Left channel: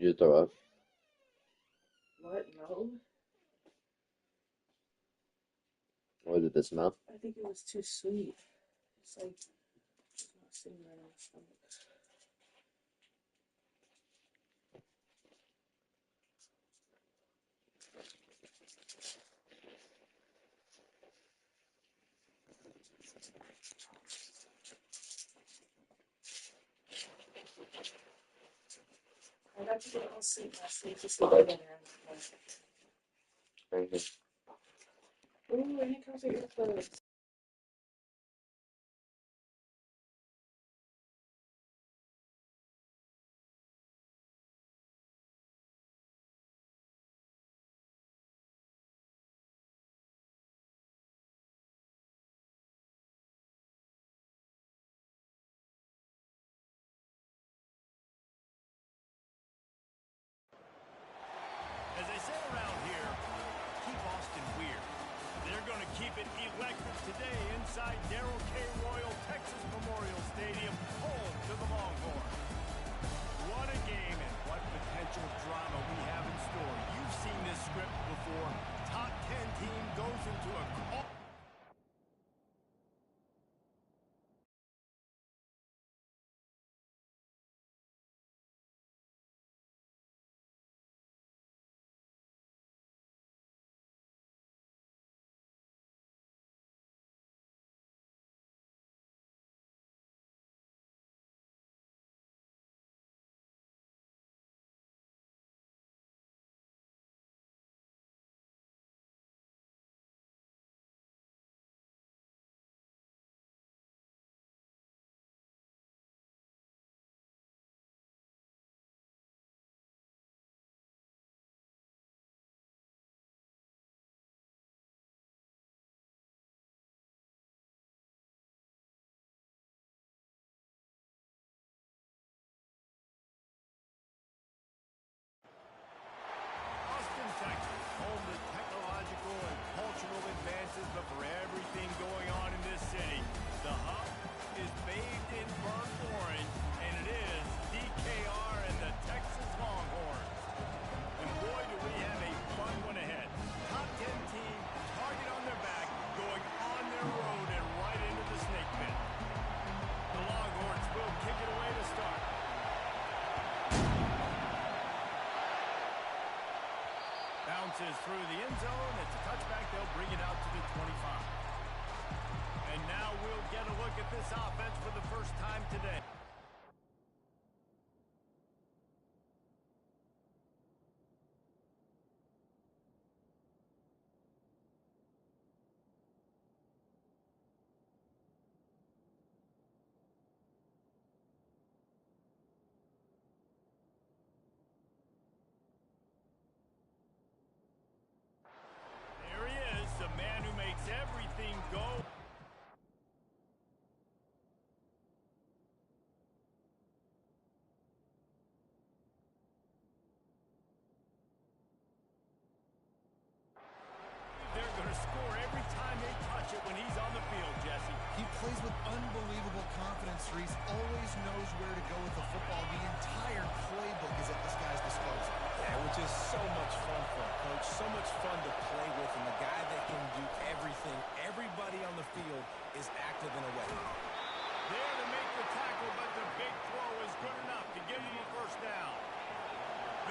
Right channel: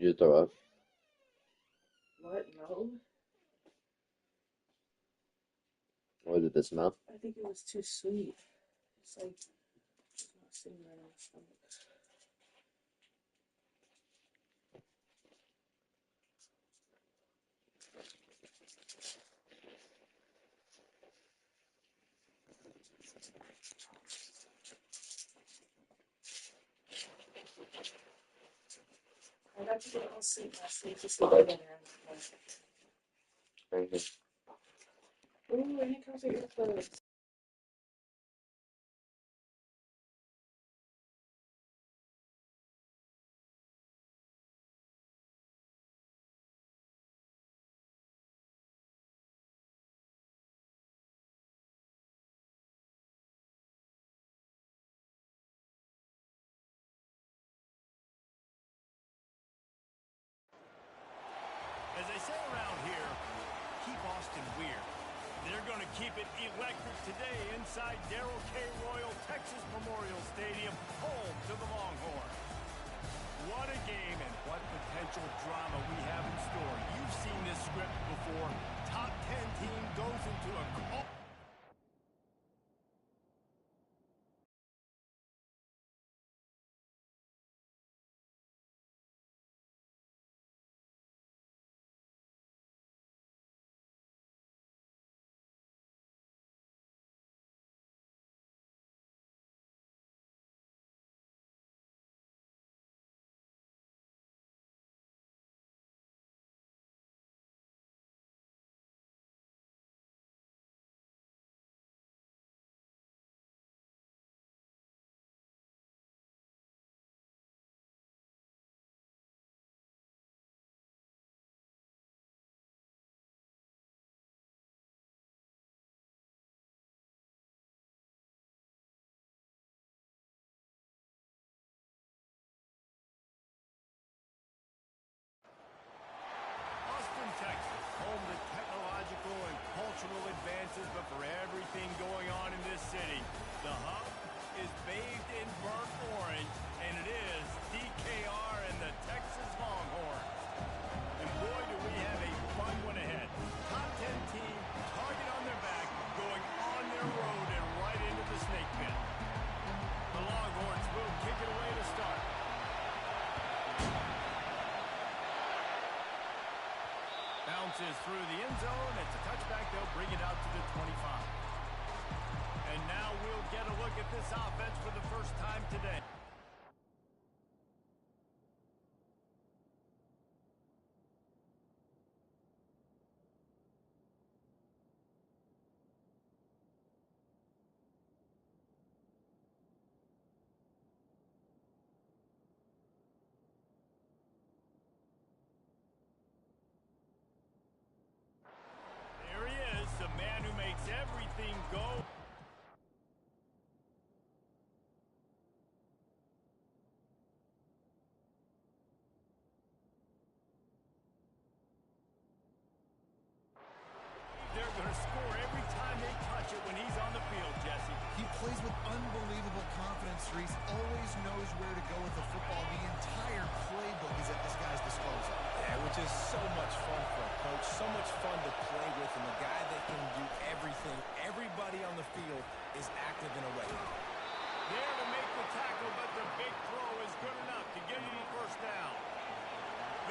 You throw up? What? No. What did it smell? I think it was too sweet. It's like it's not sitting right on the stomach. I got to get all sleep last night to sleep again. Thank you. Ooh, and it comes with your clothes. As they say around here, keep Austin weird. They're going to keep it electric today inside Darrell K. Royal Texas Memorial Stadium, home to the Longhorns. What a game and what potential drama we have in store. You've seen this script before. Top 10 team goes into a call. Austin, Texas, home to technological and cultural advances, but for everything going on in this city, the hub is bathed in burnt orange, and it is DKR and the Texas Longhorns. And boy, do we have a fun one ahead. Top 10 team, target on their back, going on their road and right into the snake pit. The Longhorns will kick it away to start. Bounces through the end zone. It's a touchback. They'll bring it out to the 25. And now we'll get a look at this offense for the first time today. There he is, the man who makes everything go. They're going to score every time they touch it when he's on the field, Jesse. He plays with unbelievable confidence, Reese. Always knows where to go with the football. The entire playbook is at this guy's disposal. Yeah, which is so much fun for a coach, so much fun to play with, and the guy that can do everything. Everybody on the field is active in a way. There to make the tackle, but the big throw is good enough to give him a first down.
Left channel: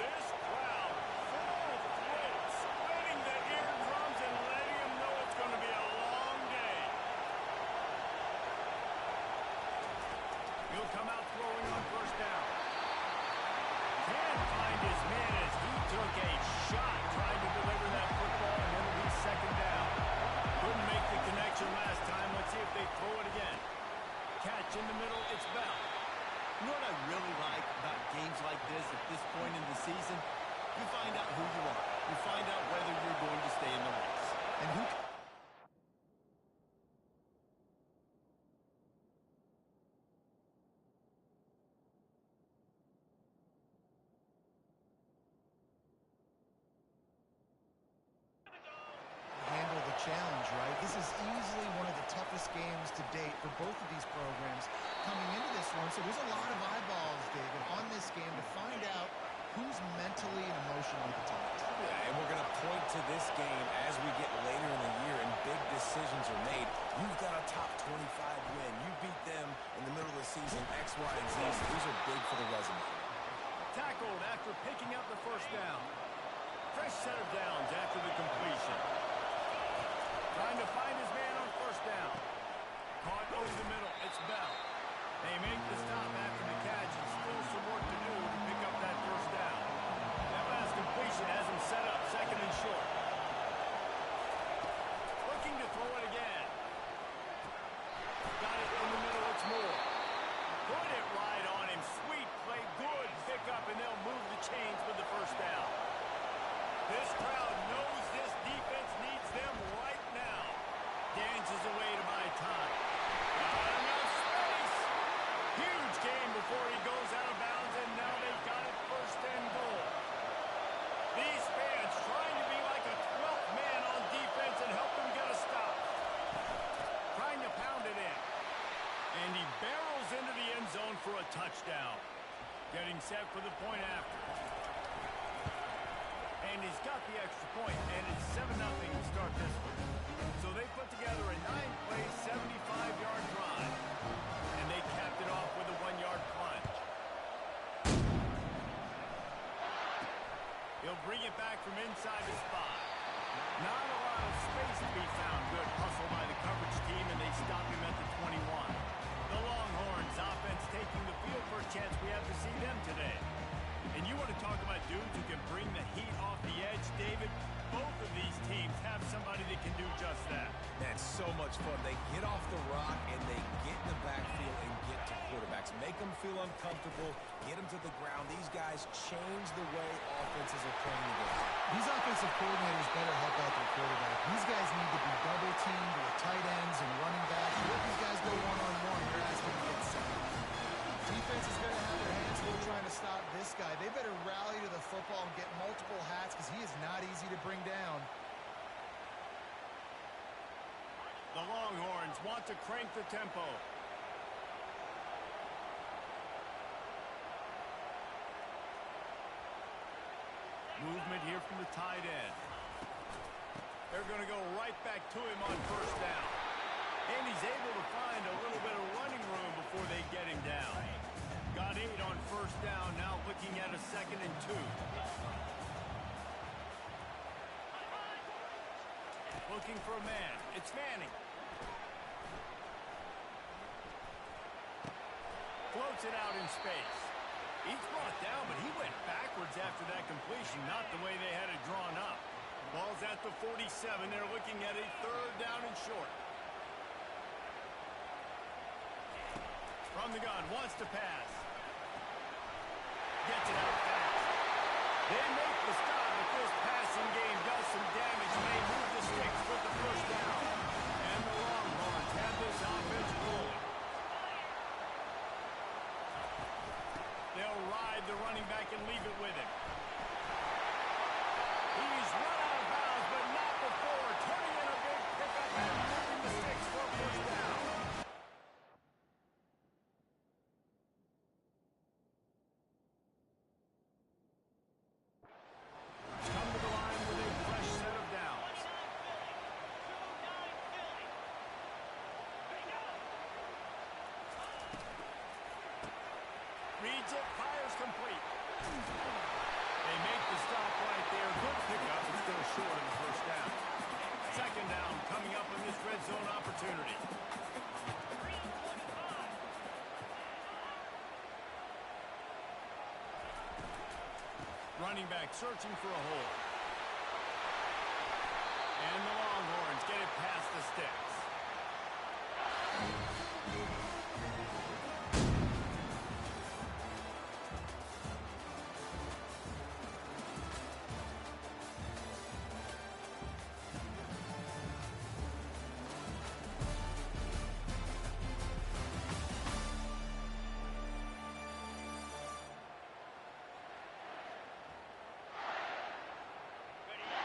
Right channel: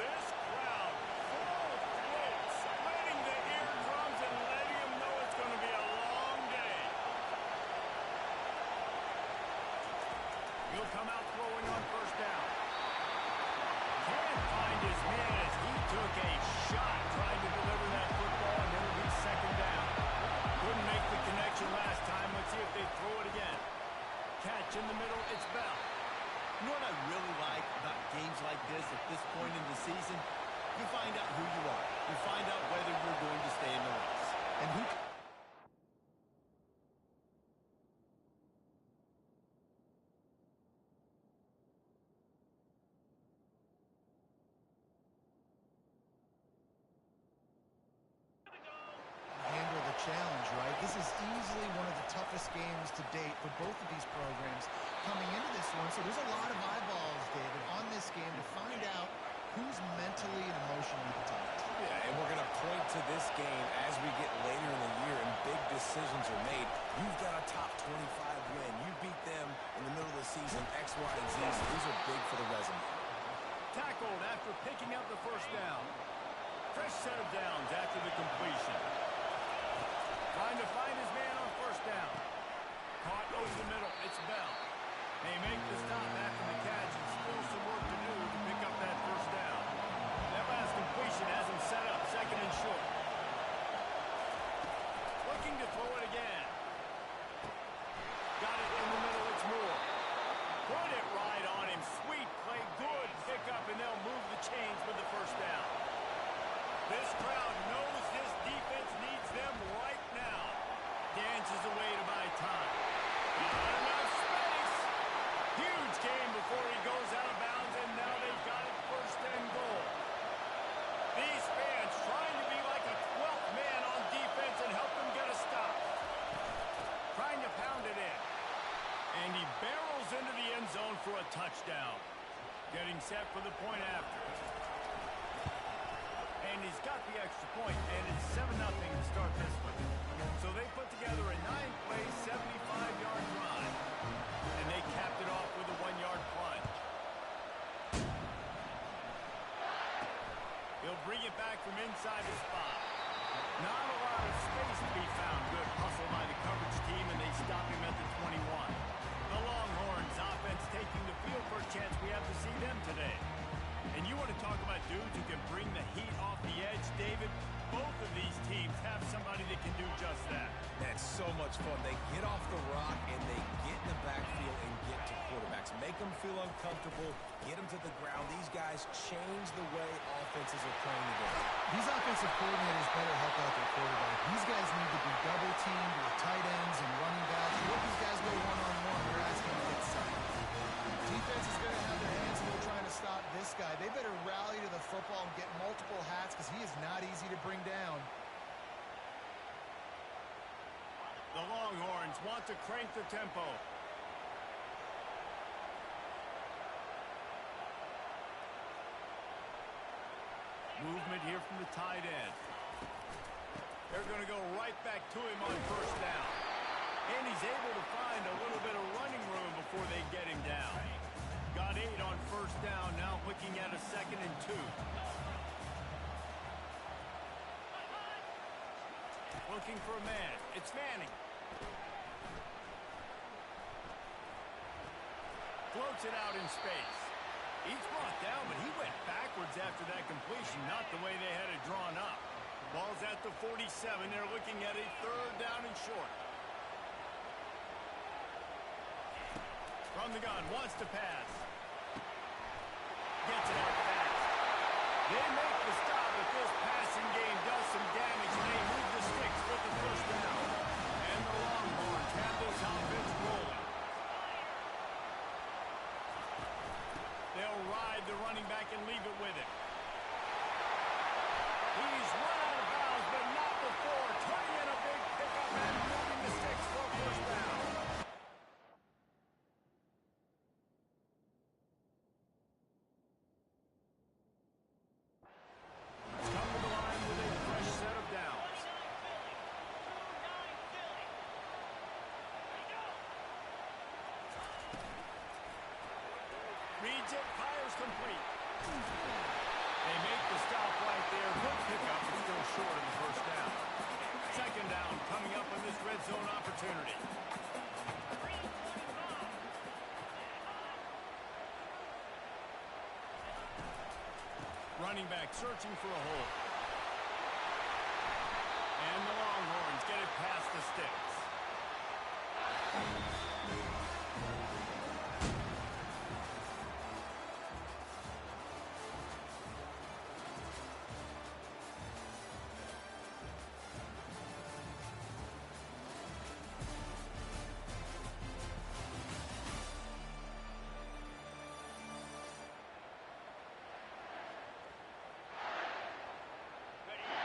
This crowd full throat, splitting the eardrums and letting him know it's going to be a long day. He'll come out throwing on first down. Can't find his man as he took a shot trying to deliver that football, and it'll be second down. Couldn't make the connection last time. Let's see if they throw it again. Catch in the middle, it's Bell. You know what I really like about games like this at this point in the season? You find out who you are. You find out whether you're going to stay in the race. And who... Handle the challenge, right? This is easily one of the toughest games to date for both of these programs coming into this one. So there's a lot of eyeballs, David, on this game to find out who's mentally and emotionally the toughest? Yeah, and we're going to point to this game as we get later in the year and big decisions are made. You've got a top 25 win. You beat them in the middle of the season, X, Y, and Z. So these are big for the resume. Tackled after picking up the first down. Fresh set of downs after the completion. Trying to find his man on first down. Caught over the middle. It's Bell. They make the stop after the catch and still some work to do to pick up that first down. That last completion has him set up second and short. Looking to throw it again. Got it in the middle. It's Moore. Put it right on him. Sweet play. Good pickup, and they'll move the chains with the first down. This crowd knows this defense needs them right now. Dances away to buy time. Not enough space. Huge game before he goes out of bounds, and now they've got it first and goal. These fans trying to be like a 12th man on defense and help them get a stop. Trying to pound it in. And he barrels into the end zone for a touchdown. Getting set for the point after. And he's got the extra point, and it's 7-0 to start this one. So they put together a 9-play, 75-yard drive. And they capped it off with a 1-yard plunge. He'll bring it back from inside the spot. Not a lot of space to be found. Good hustle by the coverage team, and they stop him at the 21. The Longhorns offense taking the field. First chance we have to see them today. And you want to talk about dudes who can bring the heat off the edge, David? Both of these teams have somebody that can do just that. That's so much fun. They get off the rock, and they get in the backfield and get to quarterbacks. Make them feel uncomfortable, get them to the ground. These guys change the way offenses are playing the game. These offensive coordinators better help out their quarterback. These guys need to be double-teamed with tight ends and running backs. Let these guys go one-on-one. They're asking to get sacked. Defense is going to have their hands full trying to stop this guy. They better rally to the football and get multiple hats because he is not easy to bring down. The Longhorns want to crank the tempo. Movement here from the tight end. They're going to go right back to him on first down. And he's able to find a little bit of running room before they get him down. Got 8 on first down, now looking at a 2nd and 2. Looking for a man. It's Manning. Floats it out in space. He's brought down, but he went backwards after that completion, not the way they had it drawn up. Ball's at the 47. They're looking at a 3rd down and short. From the gun, wants to pass. Gets it out fast. They make the stop, but this passing game does some damage, and they move the sticks with the first down. And the Longhorns have this offense rolling. They'll ride the running back and leave it with him. He's run out of bounds, but not before. Turning in a big pickup and moving the sticks for a first down. Come to the line with a fresh set of downs. Reads it, fires complete. They make the stop right there. Good pickup, but still short of the first down. 2nd down coming up on this red zone opportunity. Running back searching for a hole. And the Longhorns get it past the sticks.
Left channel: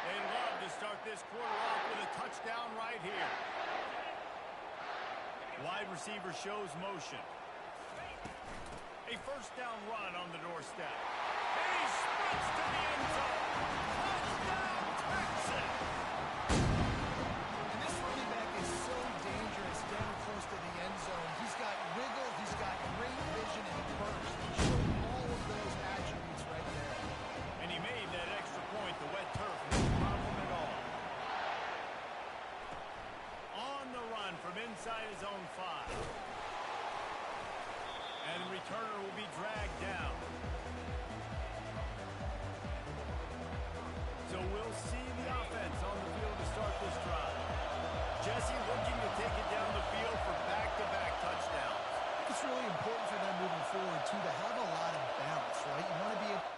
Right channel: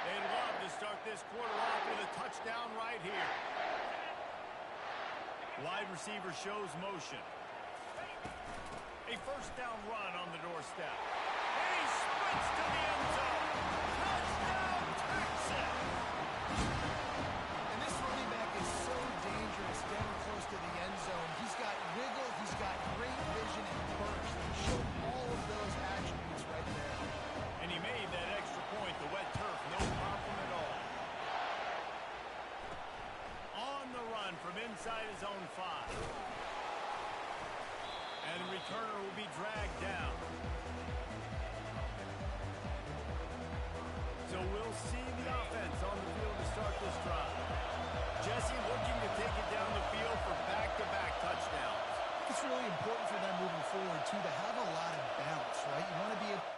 They'd love to start this quarter off with a touchdown right here. Wide receiver shows motion. A first down run on the doorstep. And he sprints to the end zone. Touchdown, Texas! And this running back is so dangerous down close to the end zone. He's got wiggle, he's got great vision and burst. He showed all of those attributes right there. And he made that extra point, the wet turf, no problem at all. On the run from inside his own 5. And the returner will be dragged down. So we'll see the offense on the field to start this drive. Jesse looking to take it down the field for back-to-back touchdowns. I think it's really important for them moving forward, too, to have a lot of balance, right? You want to be able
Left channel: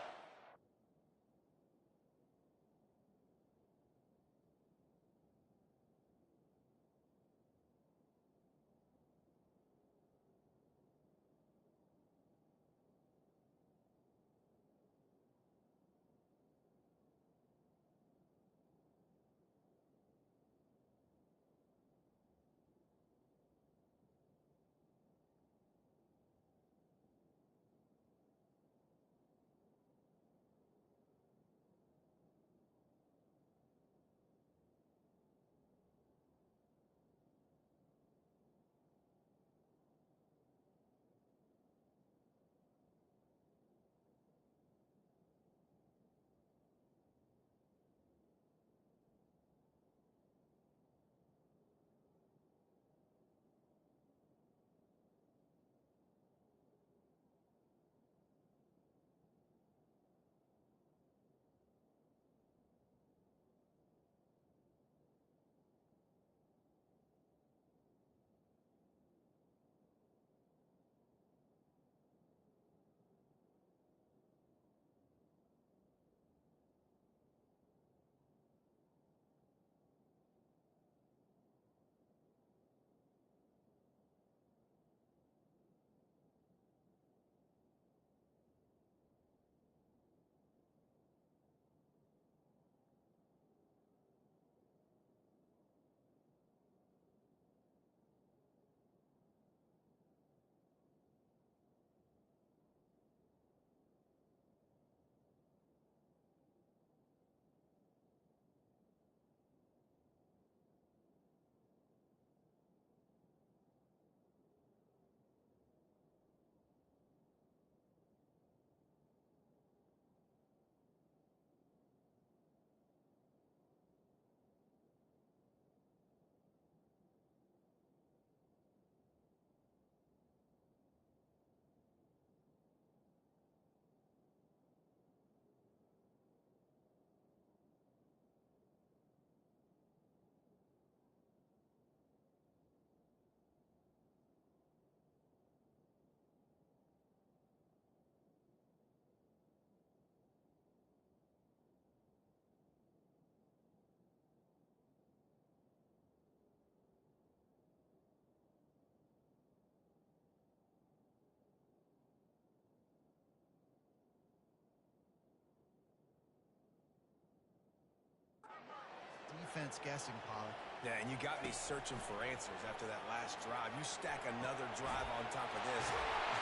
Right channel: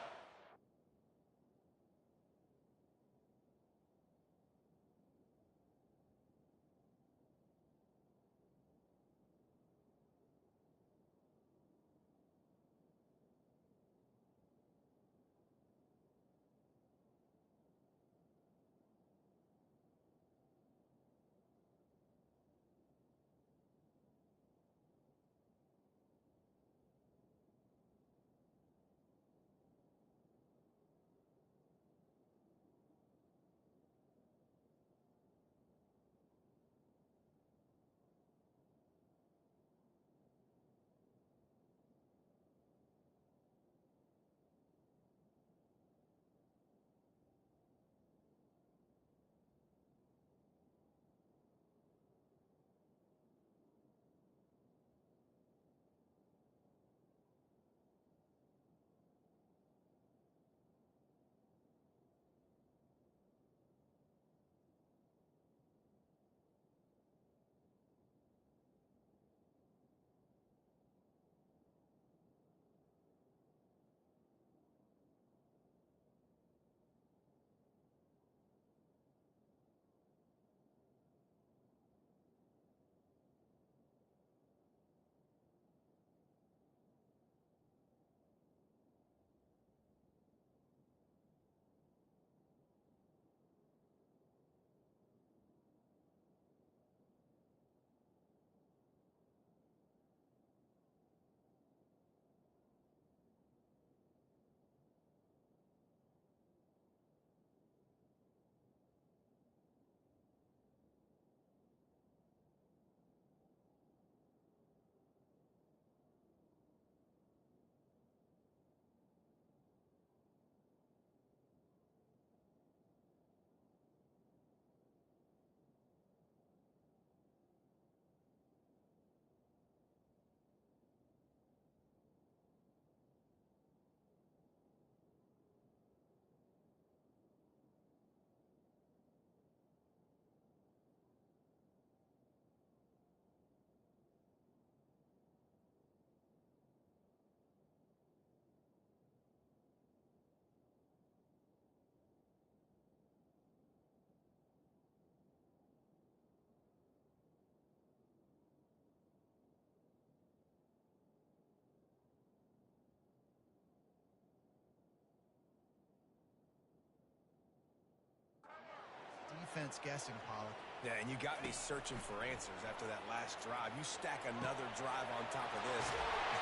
defense guessing, Pollard. Yeah, and you got me searching for answers after that last drive. You stack another drive on top of this,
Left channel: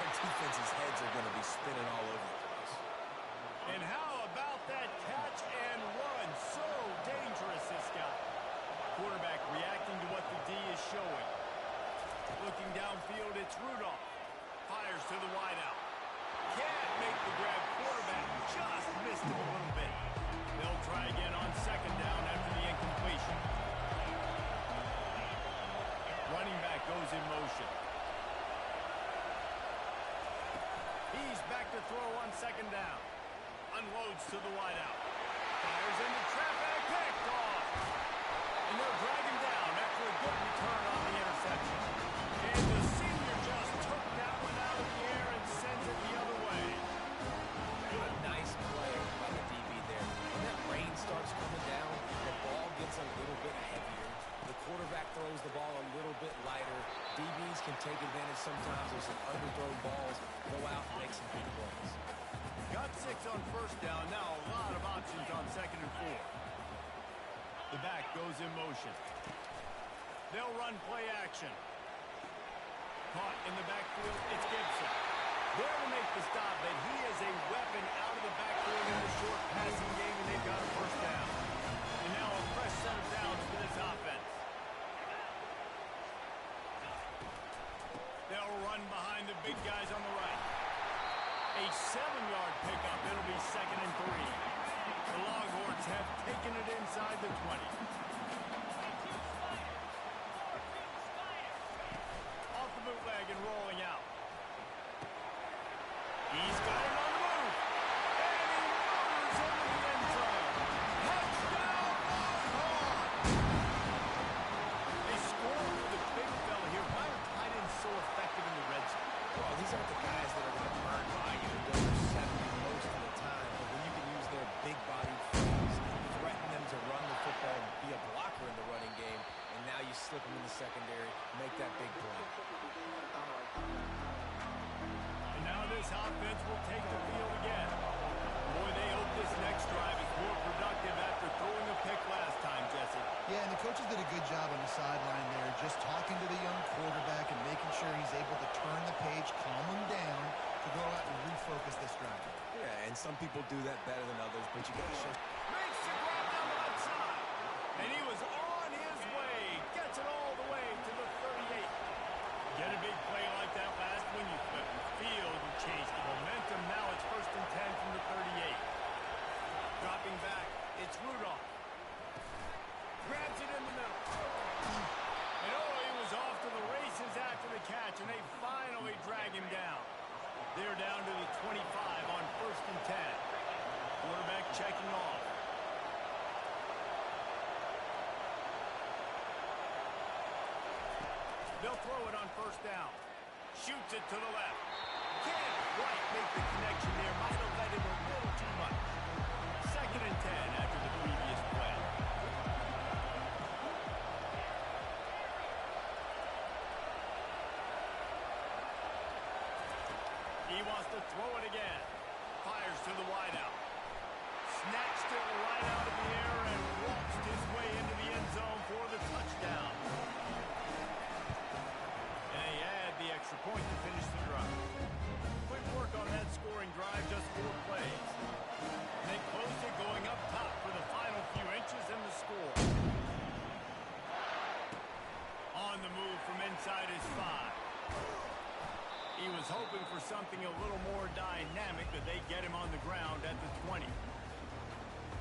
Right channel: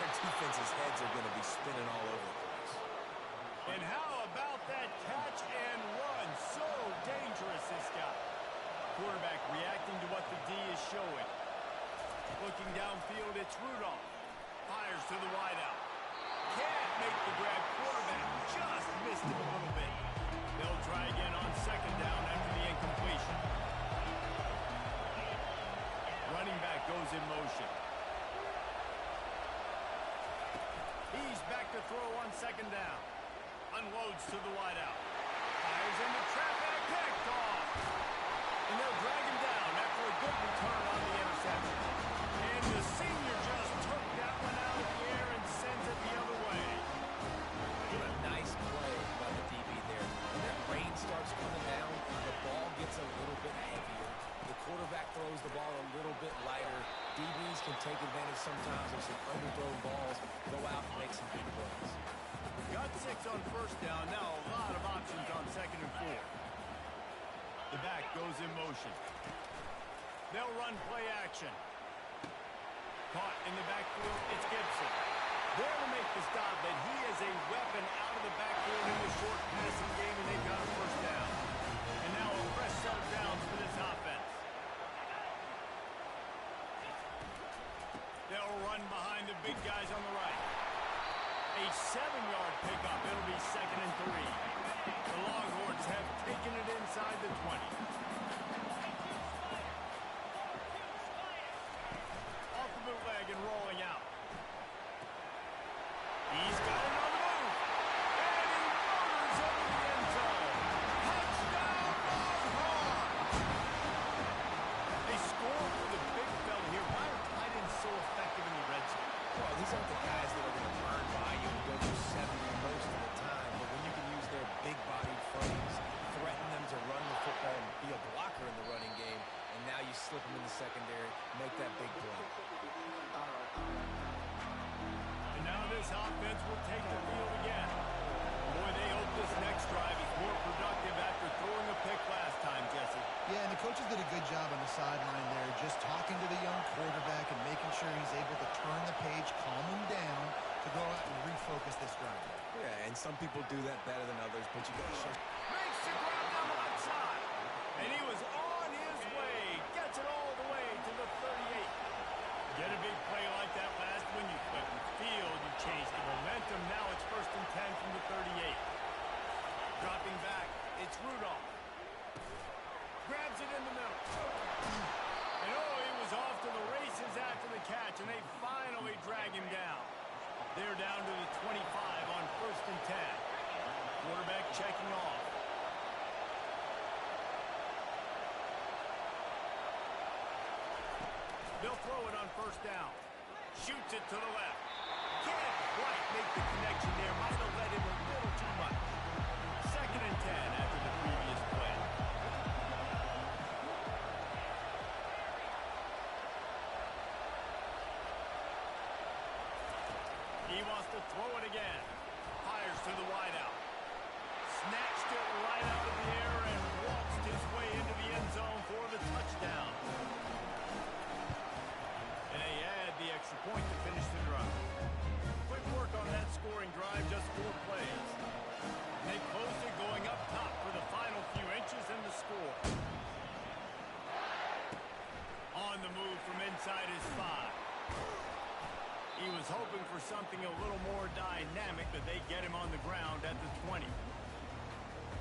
their defense's heads are going to be spinning all over the place. And how about that catch and run? So dangerous, this guy. Quarterback reacting to what the D is showing. Looking downfield, it's Rudolph. Fires to the wideout. Can't make the grab. Quarterback just missed him a little bit. They'll try again on second down after the incompletion. Running back goes in motion. He's back to throw on second down. Unloads to the wideout. Fires into traffic. Picked off. And they'll drag him down after a good return on the interception. And the senior just took that one out of the air and sends it the other way. What a nice play by the DB there. When that rain starts coming down, the ball gets a little bit heavier. The quarterback throws the ball a little bit lighter. DBs can take advantage sometimes of some underthrown balls, go out and make some big plays. Got 6 on first down. Now a lot of options on second and 4. The back goes in motion. They'll run play action. Caught in the backfield, it's Gibson. There to make the stop, but he is a weapon out of the backfield in the short passing game, and they've got a first down. And now a fresh set of downs for this offense. They'll run behind the big guys on the right. A 7-yard pickup. It'll be 2nd and 3. The Longhorns have taken it inside the 20. Off the bootleg and rolling out. He's got it on the move. And he motors into the end zone. Touchdown, Longhorns! They score for the big fella here. Why are tight ends so effective in the red zone? Well, these aren't the guys that are going to burn by you and go for 70 most of the time. But when you can use their big-bodied frames, threaten them to run the football and be a blocker in the running game, and now you slip them in the secondary, make that big play. And now this offense will take the field again. Boy, they hope this next drive is more productive after throwing a pick last time, Jesse. Yeah, and the coaches did a good job on the sideline there, just talking to the young quarterback and making sure he's able to turn the page, calm him down to go out and refocus this drive. Yeah, and some people do that better than others, but you got to show. Makes the grab down the left side. And he was on his way. Gets it all the way to the 38. Get a big play like that last when you flip the field. You change the momentum. Now it's 1st and 10 from the 38. Dropping back. It's Rudolph. Grabs it in the middle. And oh, he was off to the races after the catch, and they finally drag him down. They're down to the 25 on 1st and 10. Quarterback checking off. They'll throw it on 1st down. Shoots it to the left. Can't quite make the connection there. Might have led him a little too much. 2nd and 10 after the previous play. He wants to throw it again. Fires to the wideout. Snatched it right out of the air and waltzed his way into the end zone for the touchdown. And they add the extra point to finish the drive. Quick work on that scoring drive, just 4 plays. And they closed it going up top for the final few inches in the score. On the move from inside his 5. He was hoping for something a little more dynamic, but they get him on the ground at the 20.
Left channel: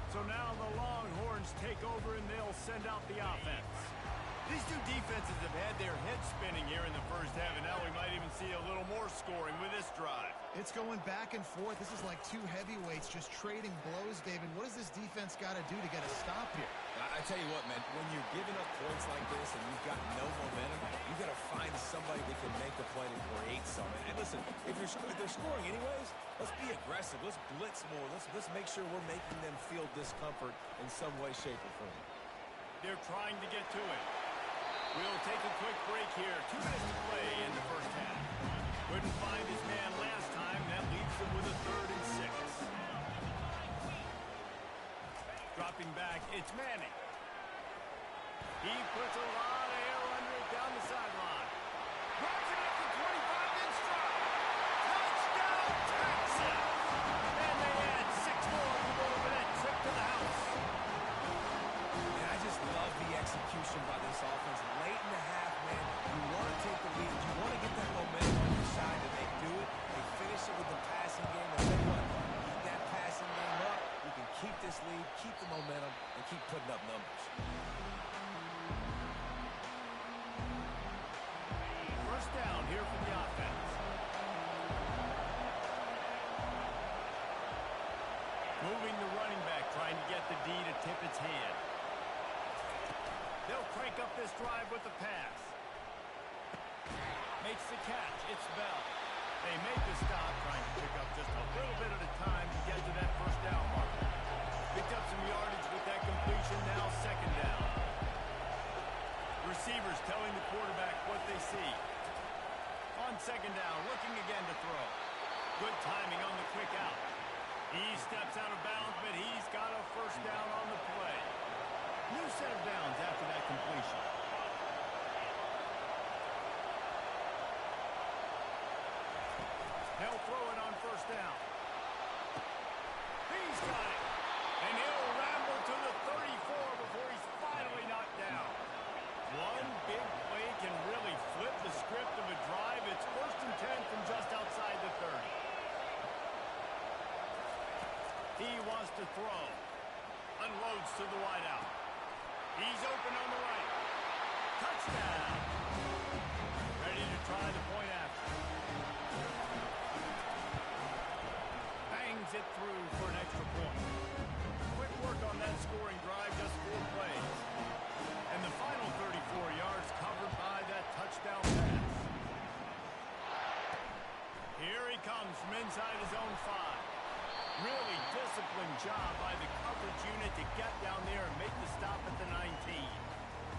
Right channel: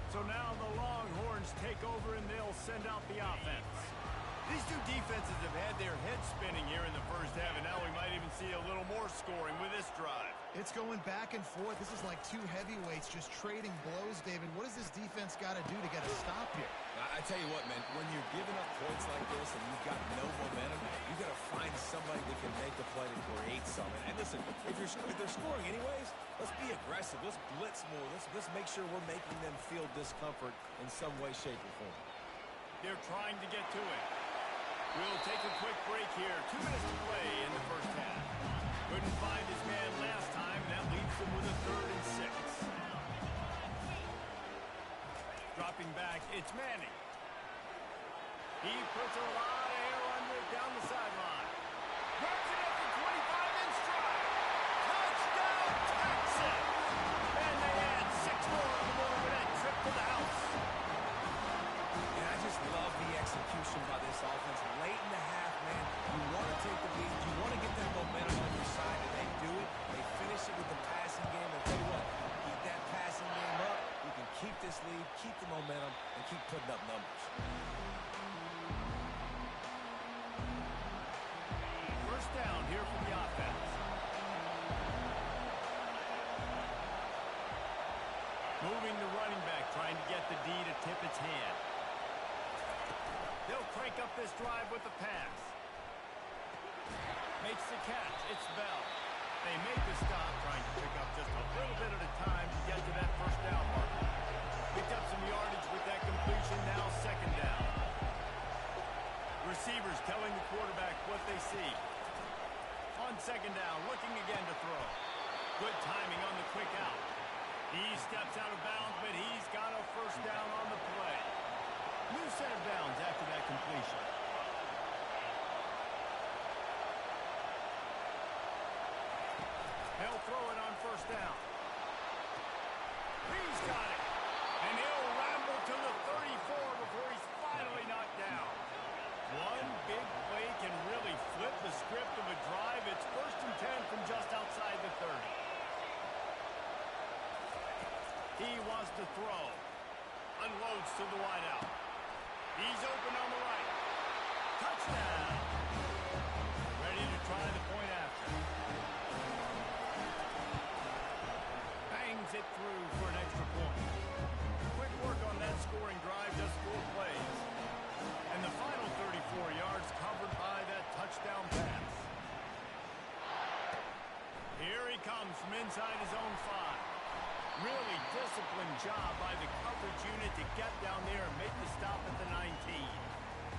So now the Longhorns take over and they'll send out the offense. These two defenses have had their heads spinning here in the first half, and now we might even see a little more scoring with this drive. It's going back and forth. This is like two heavyweights just trading blows, David. What does this defense got to do to get a stop here? I tell you what, man, when you're giving up points like this and you've got no momentum, you've got to find somebody that can make a play to create something. And listen, if they're scoring anyways, let's be aggressive. Let's blitz more. Let's make sure we're making them feel discomfort in some way, shape, or form. They're trying to get to it. We'll take a quick break here. 2 minutes to play in the first half. Couldn't find his man last time. That leaves them with a 3rd and 6. Dropping back, it's Manning. He puts a lot of air under it down the sideline. Grabs it at the 25 in stride. Touchdown, Texas! And they add 6 more to the board with that trip to the house. And I just love the execution by this offense. Late in the half, man, you want to take the lead. You want to get that momentum on your side, and they do it. They finish it with the passing game. And tell you what, keep that passing game up. You can keep this lead, keep the momentum, and keep putting up numbers. First down here for the offense. Moving the running back, trying to get the D to tip its hand. They'll crank up this drive with the pass. Makes the catch. It's Bell. They made the stop, trying to pick up just a little bit at a time to get to that first down marker. Picked up some yardage with that completion. Now 2nd down. Receivers telling the quarterback what they see. On 2nd down, looking again to throw. Good timing on the quick out. He steps out of bounds, but he's got a first down on the play. New set of downs after that completion. They'll throw it on first down. He's got it. And he'll ramble to the 34 before he's finally knocked down. One big play can really flip the script of a drive. It's 1st and 10 from just outside the 30. He wants to throw. Unloads to the wideout. He's open on the right. Touchdown. Ready to try the point after. Bangs it through for an extra point. Quick work on that scoring drive, just 4 plays. And the final 34 yards covered by that touchdown pass. Here he comes from inside his own 5. Really disciplined job by the coverage unit to get down there and make the stop at the 19.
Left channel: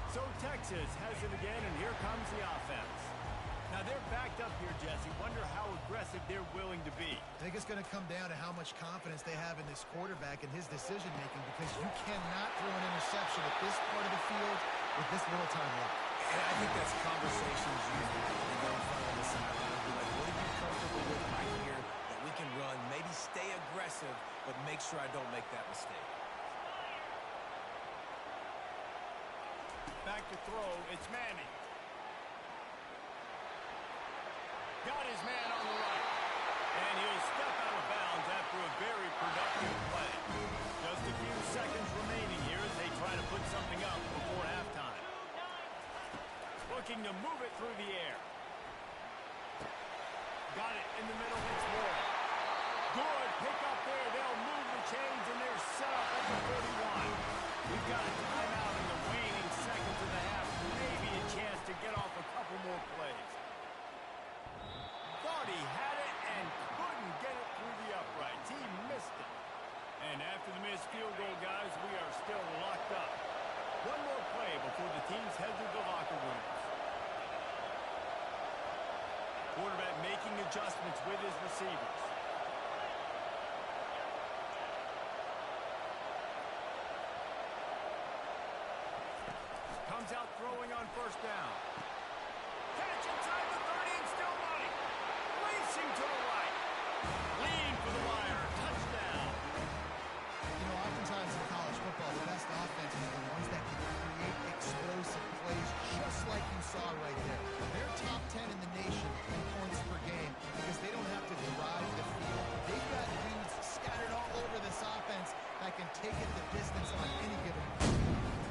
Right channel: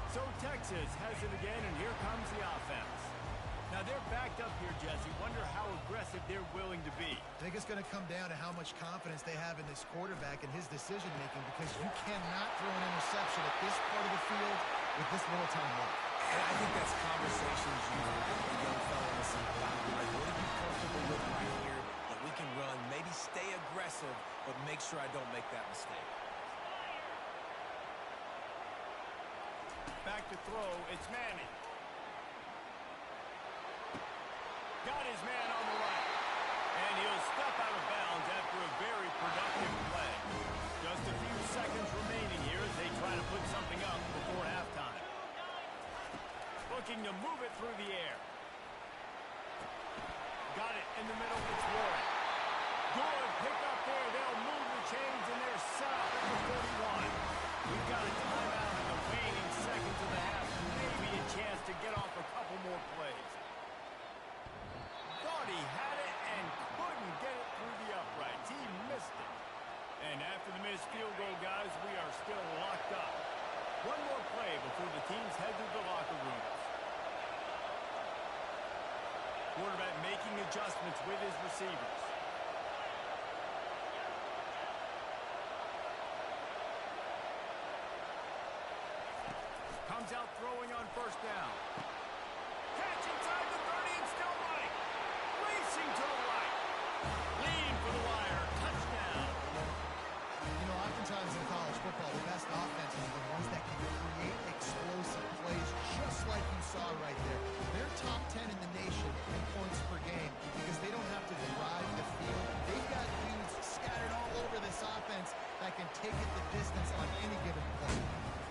So Texas has it again, and here comes the offense. Now they're backed up here, Jesse. Wonder how aggressive they're willing to be. I think it's going to come down to how much confidence they have in this quarterback and his decision-making, because you cannot throw an interception at this part of the field with this little time left. And I think that's conversations you have with the young fella on the sideline. Like, what are you comfortable with right here that we can run? Maybe stay aggressive, but make sure I don't make that mistake. Back to throw, it's Manning. Got his man on the right. And he'll step out of bounds after a very productive play. Just a few seconds remaining here as they try to put something up before halftime. Looking to move it through the air. Got it in the middle, it's Warren. Good pick up there. They'll move the chains, and they're set up at the 41. We've got a timeout in the waning seconds of the half. Maybe a chance to get off a couple more plays. Thought he had it and couldn't get it through the uprights. He missed it. And after the missed field goal, guys, we are still locked up. One more play before the teams head to the locker rooms. Quarterback making adjustments with his receivers. Comes out throwing on first down. Catch inside the 30 and still running. Racing to the right. Leading for the wire. Touchdown. You know, oftentimes in college football, the best offenses are the ones that can create explosive plays, just like you saw right there. They're top 10 in the nation in points per game because they don't have to drive the field. They've got dudes scattered all over this offense that can take it the distance on any given play.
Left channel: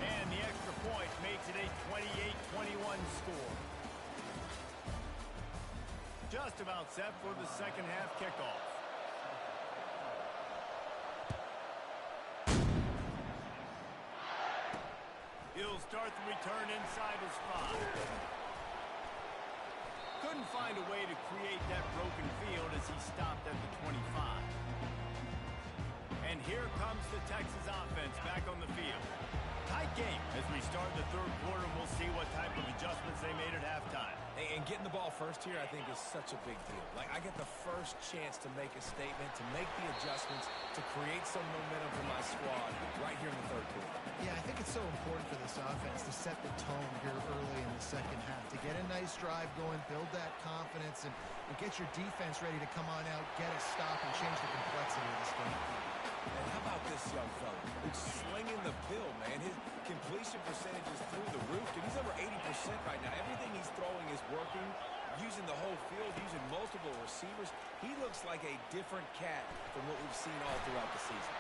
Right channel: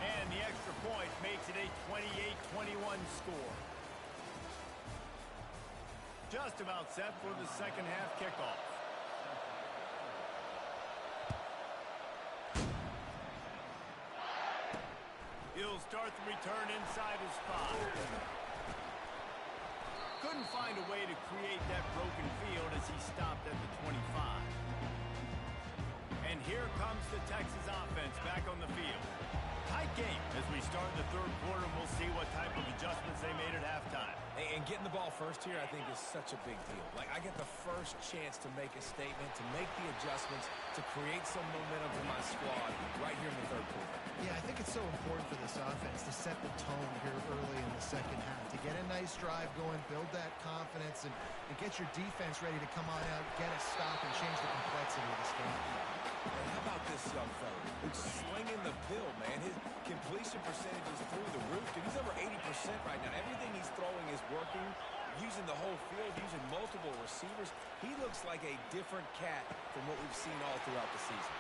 And the extra point makes it a 28-21 score. Just about set for the second half kickoff. He'll start the return inside his 5. Couldn't find a way to create that broken field as he stopped at the 25. And here comes the Texas offense back on the field. Tight game as we start the third quarter, and we'll see what type of adjustments they made at halftime. And getting the ball first here, I think, is such a big deal. Like, I get the first chance to make a statement, to make the adjustments, to create some momentum for my squad right here in the third quarter. Yeah, I think it's so important for this offense to set the tone here early in the second half, to get a nice drive going, build that confidence, and get your defense ready to come on out, get a stop, and change the complexity of this game. And how about this young fella? He's slinging the pill, man. His completion percentage is through the roof. Dude, he's over 80% right now. Everything he's throwing is working, using the whole field, using multiple receivers. He looks like a different cat from what we've seen all throughout the season.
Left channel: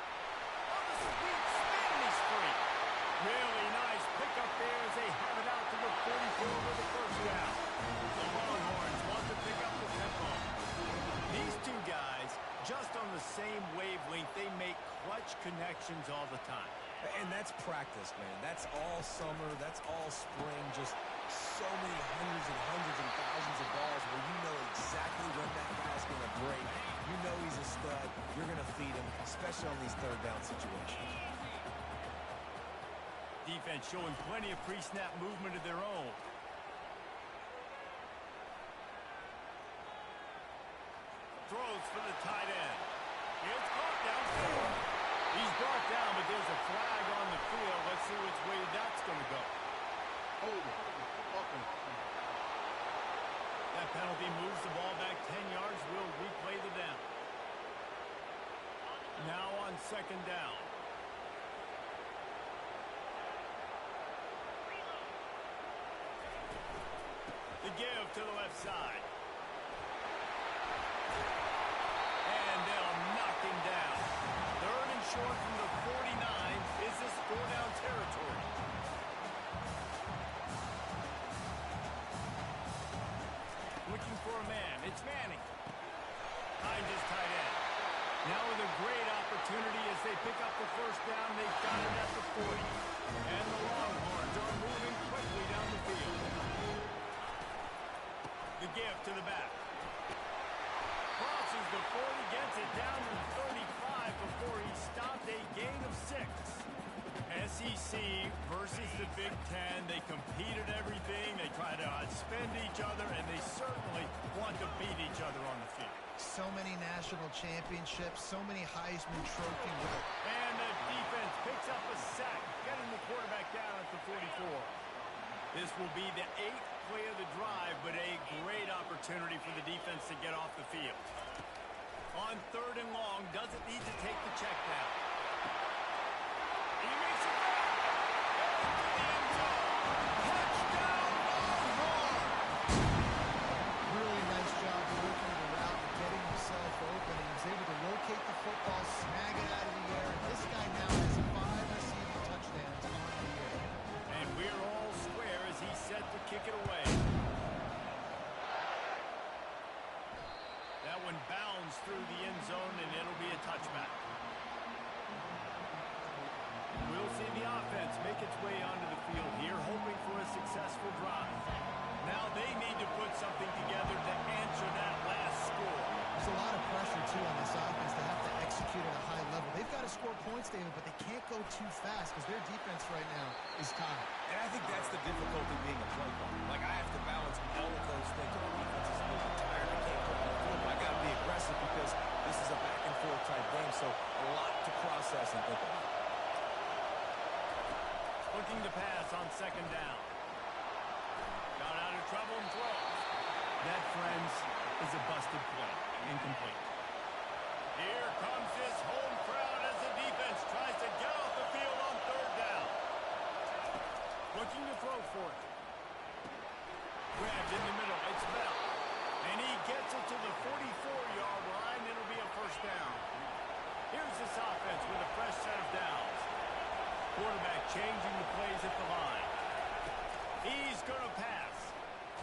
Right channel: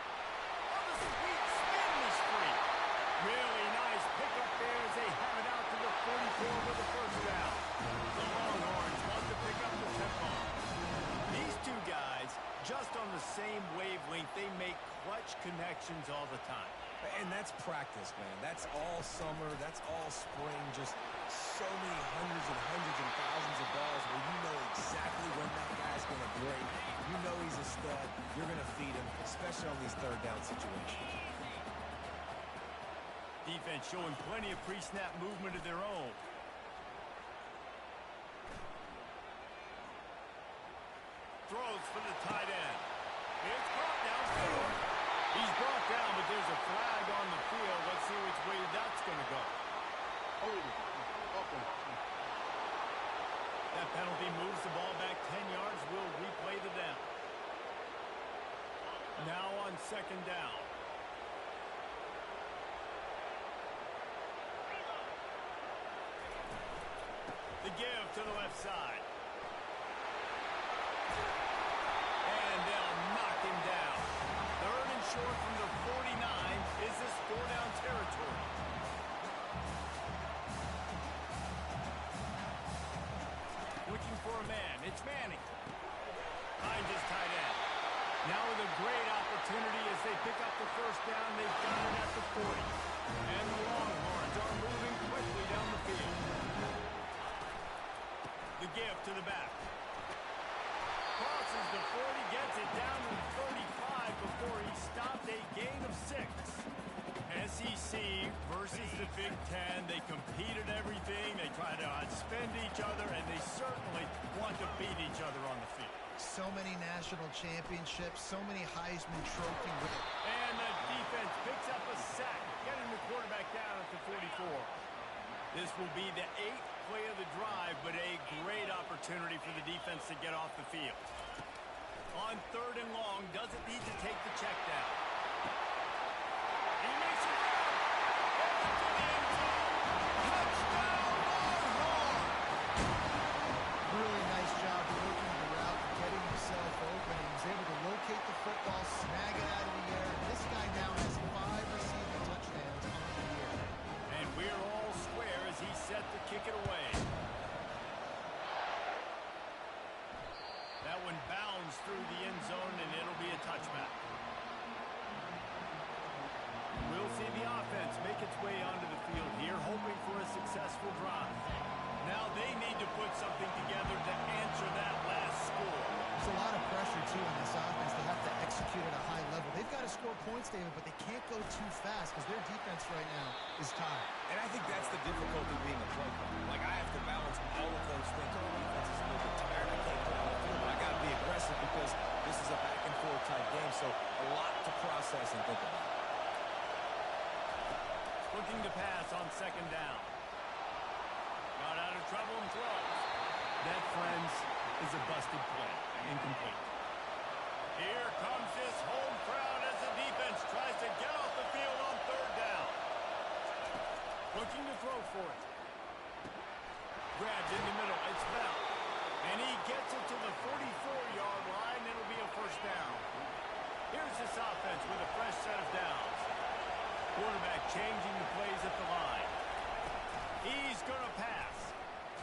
Oh, the sweet spin, he's free. Really nice pickup there as they have it out to the 44 with the first down. The Longhorns want to pick up the tempo. These two guys, just on the same wavelength, they make clutch connections all the time. And that's practice, man. That's all summer. That's all spring. Just so many hundreds and thousands of balls where you know exactly when that guy's going to break. You know he's a stud. You're going to feed him, especially on these third down situations. Defense showing plenty of pre-snap movement of their own. Throws for the tight end. It's caught downfield. He's brought down, but there's a flag on the field. Let's see which way that's going to go. That penalty moves the ball back 10 yards. We'll replay on second down. The give to the left side. And they'll knock him down. Third and short from the 49. Is this four-down territory? Looking for a man. It's Manning. Finds his tight end. Now with a great opportunity as they pick up the first down. They've got it at the 40. And the Longhorns are moving quickly down the field. The give to the back. Crosses the 40, gets it down to the 35 before he stopped. A gain of 6. SEC versus the Big Ten. They compete at everything. They try to outspend each other, and they certainly want to beat each other on the field. So many national championships, so many Heisman Trophy winners. And the defense picks up a sack, getting the quarterback down at the 44. This will be the 8th play of the drive, but a great opportunity for the defense to get off the field. On third and long, doesn't need to take the check down. He makes a grab. Into the end zone. Touchdown, Longhorn! Really nice job working the route and getting himself open. He was able to locate the football, snag it out of the air, and this guy now has 5 receiving touchdowns on the year. And we're all square as he's set to kick it away. That one bounds through the end zone, and it'll be a touchback. We'll see the offense make its way onto the field here, hoping for a successful drive. Now they need to put something together to answer that last score. There's a lot of pressure, too, on this offense. They have to execute at a high level. They've got to score points, David, but they can't go too fast because their defense right now is tied. And I think that's the difficulty being a play caller. Like, I have to balance all of those things. Our defense is a little bit tired. I can't go on the field, but I got to be aggressive because this is a back-and-forth type game, so a lot to process and think about. Looking to pass on second down. Got out of trouble and throws. That, friends, is a busted play. Incomplete. Here comes this home crowd as the defense tries to get off the field on third down. Looking to throw for it. Grabbed in the middle. It's Bell. And he gets it to the 44-yard line. It'll be a first down. Here's this offense with a fresh set of downs. Quarterback changing the plays at the line. He's going to pass.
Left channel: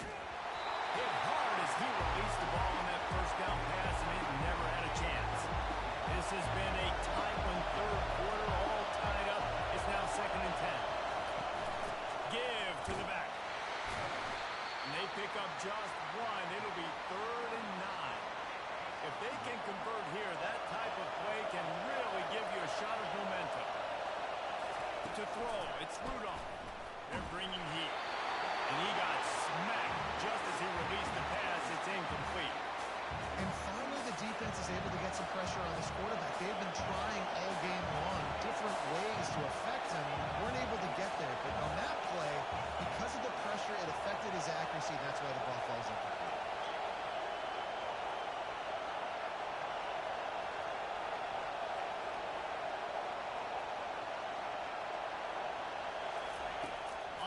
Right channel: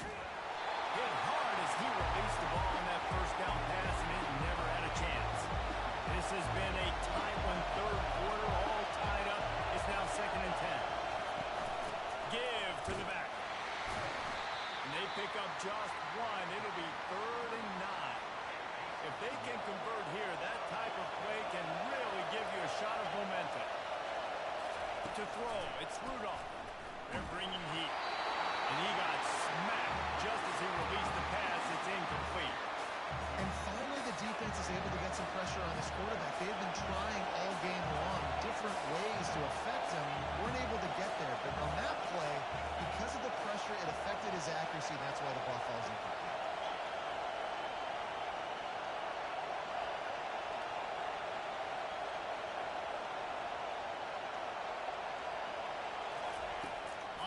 Hit hard as he released the ball on that first down pass, and it never had a chance. This has been a tight one, third quarter, all tied up. It's now second and 10. Give to the back. And they pick up just one. It'll be third and 9. If they can convert here, that type of play can really give you a shot of momentum. To throw, it's Rudolph. They're bringing heat. And he got smacked just as he released the pass. It's incomplete. And finally, the defense is able to get some pressure on this quarterback. They've been trying all game long different ways to affect him. Weren't able to get there. But on that play, because of the pressure, it affected his accuracy, and that's why the ball falls incomplete.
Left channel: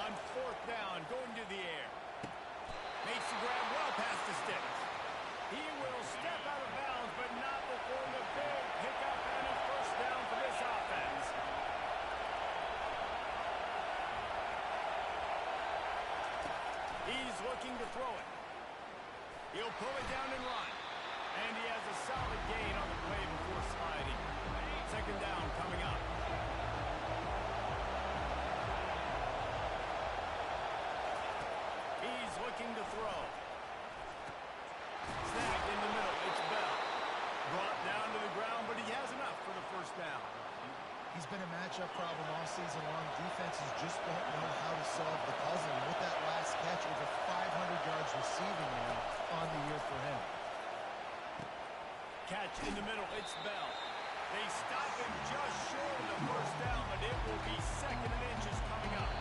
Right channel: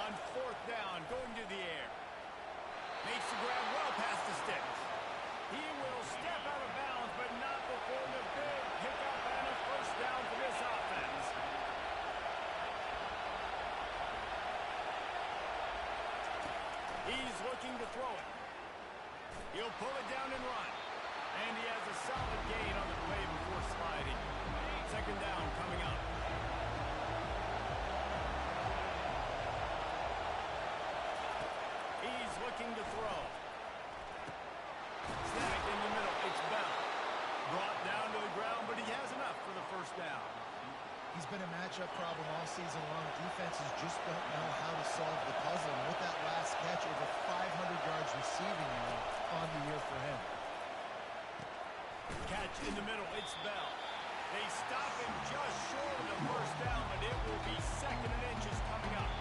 On fourth down, going to the air. Makes the grab well past the sticks. He will step out of bounds, but not before the big pickup and a first down for this offense. He's looking to throw it. He'll pull it down and run. And he has a solid gain on the play before sliding. Second down coming up. He's looking to throw. Snagged in the middle. It's Bell. Brought down to the ground, but he has enough for the first down. He's been a matchup problem all season long. Defenses just don't know how to solve the puzzle. And with that last catch, over 500 yards receiving now on the year for him. Catch in the middle. It's Bell. They stop him just short of the first down, but it will be second and inches coming up.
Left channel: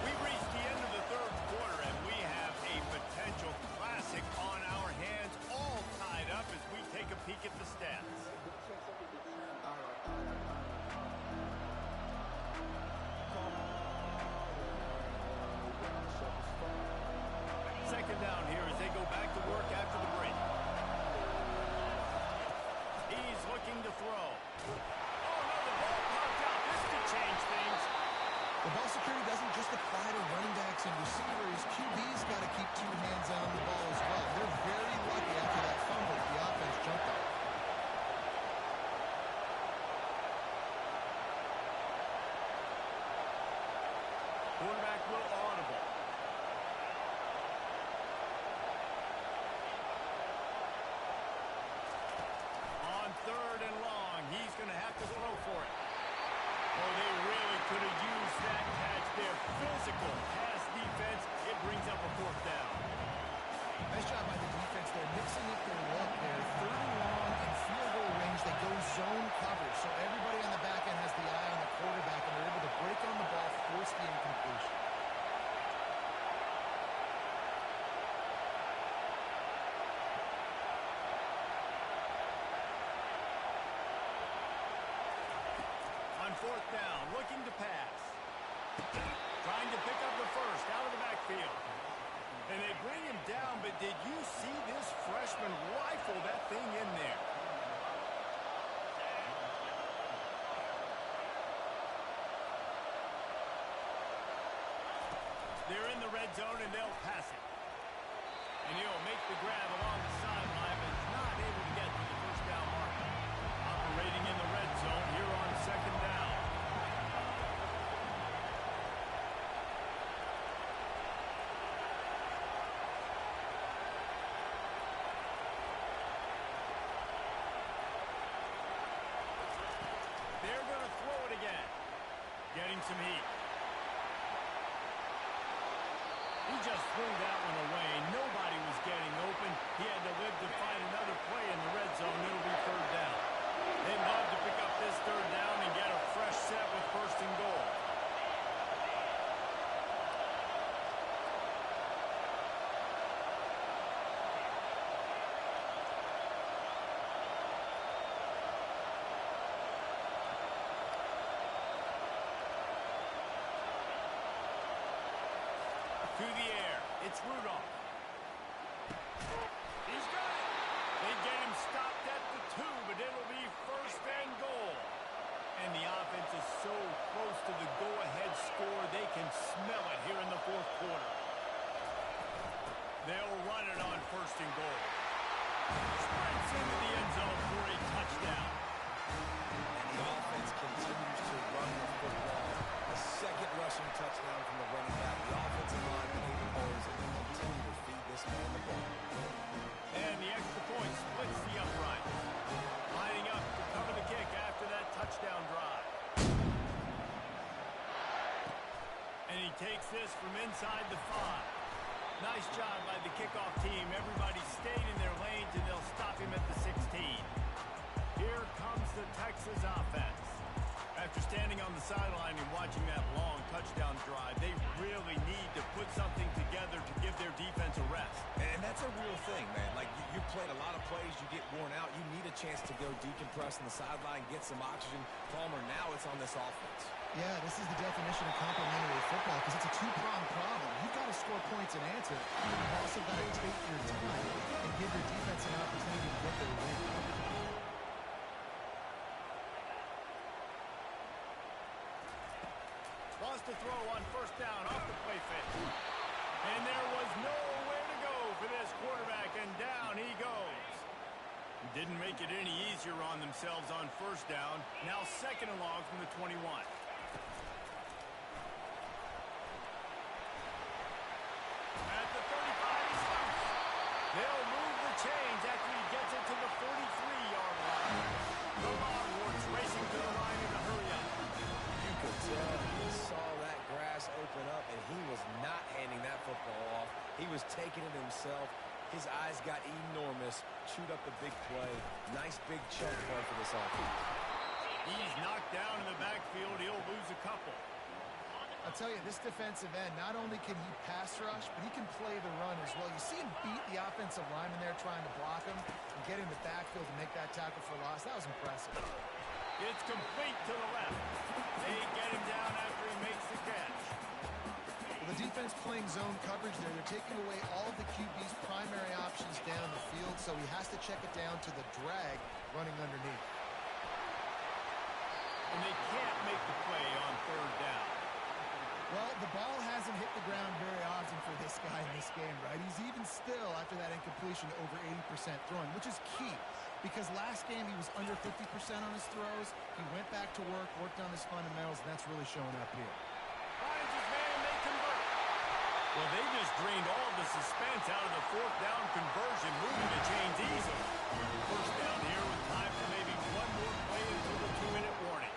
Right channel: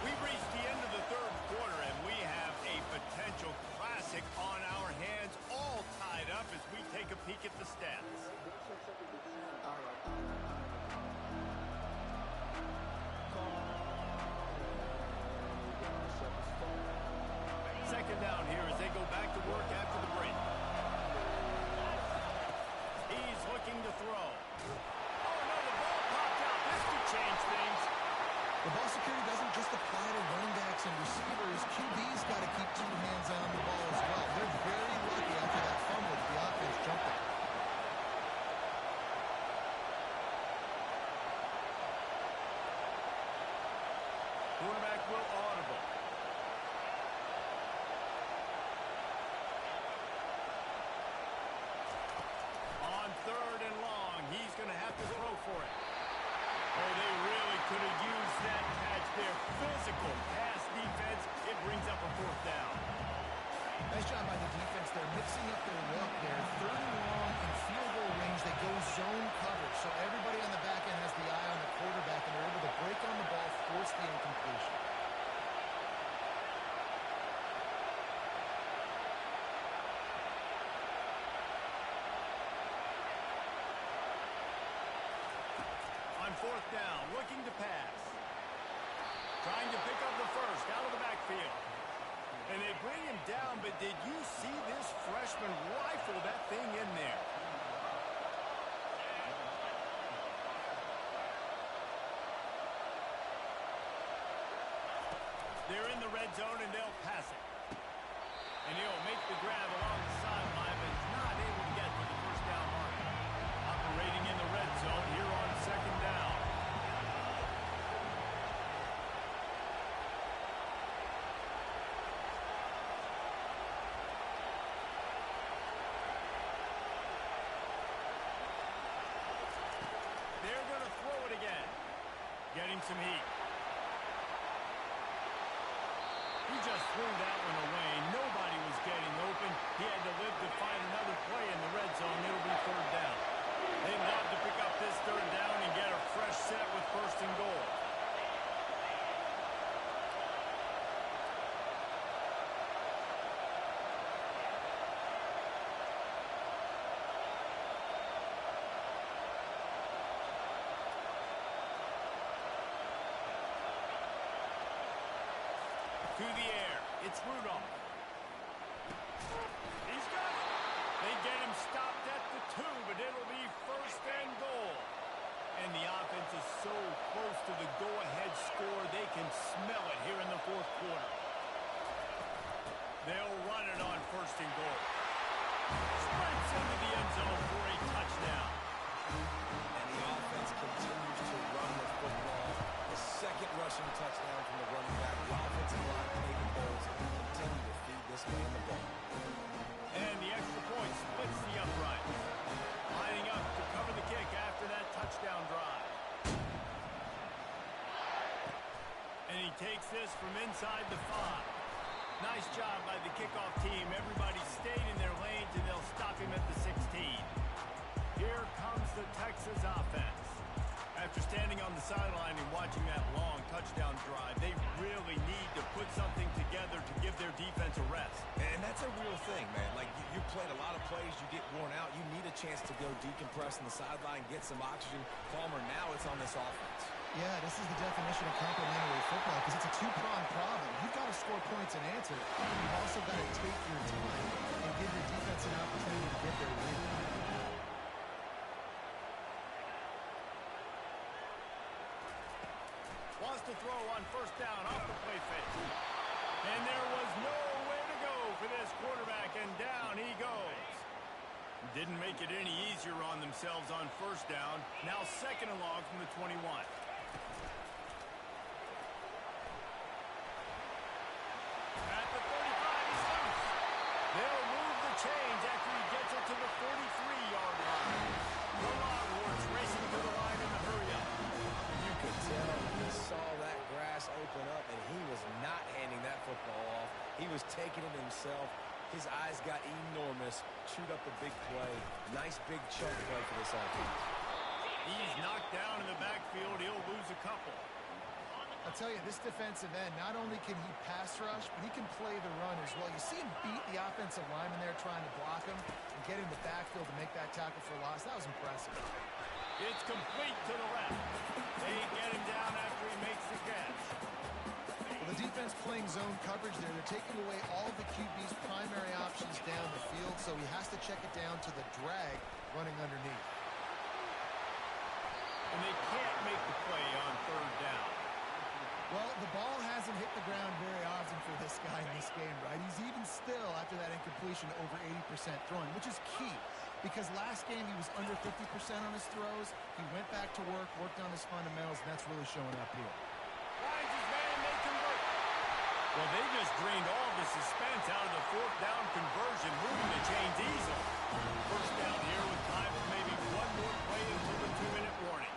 We've reached the end of the third quarter, and we have a potential classic on our hands, all tied up as we take a looking to throw. Oh, no, the ball popped out. This could change things. The ball security doesn't just apply to running backs and receivers. QB's got to keep two hands on the ball as well. They're very lucky after that fumble that the offense jumped on. Quarterback will audible. On 3rd and long, he's going to have to throw for it. Oh, they really could have used that catch there. Physical pass defense. It brings up a 4th down. Nice job by the defense there, mixing up their look there. 3rd and long in field goal range. They go zone coverage, so everybody on the back end has the eye on the quarterback, and they're able to break on the ball, force the incompletion. On 4th down, looking to pass. Trying to pick up the first out of the backfield. And they bring him down, but did you see this freshman rifle that thing in there? They're in the red zone, and they'll pass it. And he'll make the grab along the sideline, but is not able to get to the 1st down marker. Operating in the red zone here on 2nd down. They're going to throw it again. Getting some heat. He just threw that one away. Nobody was getting open. He had to live to find another play in the red zone. It'll be 3rd down. They'd love to pick up this 3rd down and get a fresh set with 1st and goal. To the air. It's Rudolph. He's got it. They get him stopped at the 2, but it'll be 1st and goal. And the offense is so close to the go-ahead score, they can smell it here in the 4th quarter. They'll run it on 1st and goal. Sprints into the end zone for a touchdown. And the offense continues to run the football. A 2nd rushing touchdown from the running back. The offensive line paving holes and continue to feed this man the ball. And the extra point splits the uprights. Lining up to cover the kick after that touchdown drive. And he takes this from inside the 5. Nice job by the kickoff team. Everybody stayed in their lanes, and they'll stop him at the 16. Here comes the Texas offense. After standing on the sideline and watching that long touchdown drive, they really need to put something together to give their defense a rest. And that's a real thing, man. Like, you played a lot of plays, you get worn out, you need a chance to go decompress on the sideline, get some oxygen. Palmer, now it's on this offense. Yeah, this is the definition of complementary football because it's a two-pronged problem. You've got to score points and answer, and you've also got to take your time and give your defense an opportunity to get their win. Wants to throw on 1st down off the play fake. And there was nowhere to go for this quarterback, and down he goes. Didn't make it any easier on themselves on 1st down. Now 2nd and long from the 21. At the 35, he's loose. They'll move the chains after he gets it to the 43-yard line. The Longhorns racing to the line in the hurry-up. You could tell he saw that grass open up, and he was not handing that football off. He was taking it himself. His eyes got enormous, chewed up the big play. Nice big chunk play for this offense. He's knocked down in the backfield. He'll lose a couple. I'll tell you, this defensive end, not only can he pass rush, but he can play the run as well. You see him beat the offensive lineman there trying to block him and get in the backfield to make that tackle for loss. That was impressive. It's complete to the left. They get him down after he makes the catch. Well, the defense playing zone coverage there. They're taking away all of the QB's primary options down the field, so he has to check it down to the drag running underneath. and they can't make the play on third down. Well, the ball hasn't hit the ground very often for this guy in this game, right? He's even still, after that incompletion, over 80% throwing, which is key. Because last game he was under 50% on his throws. He went back to work, worked on his fundamentals, and that's really showing up here. Finds his man, may convert. Well, they just drained all the suspense out of the fourth down conversion, moving the chains easily. First down here with time for maybe one more play until the 2-minute warning.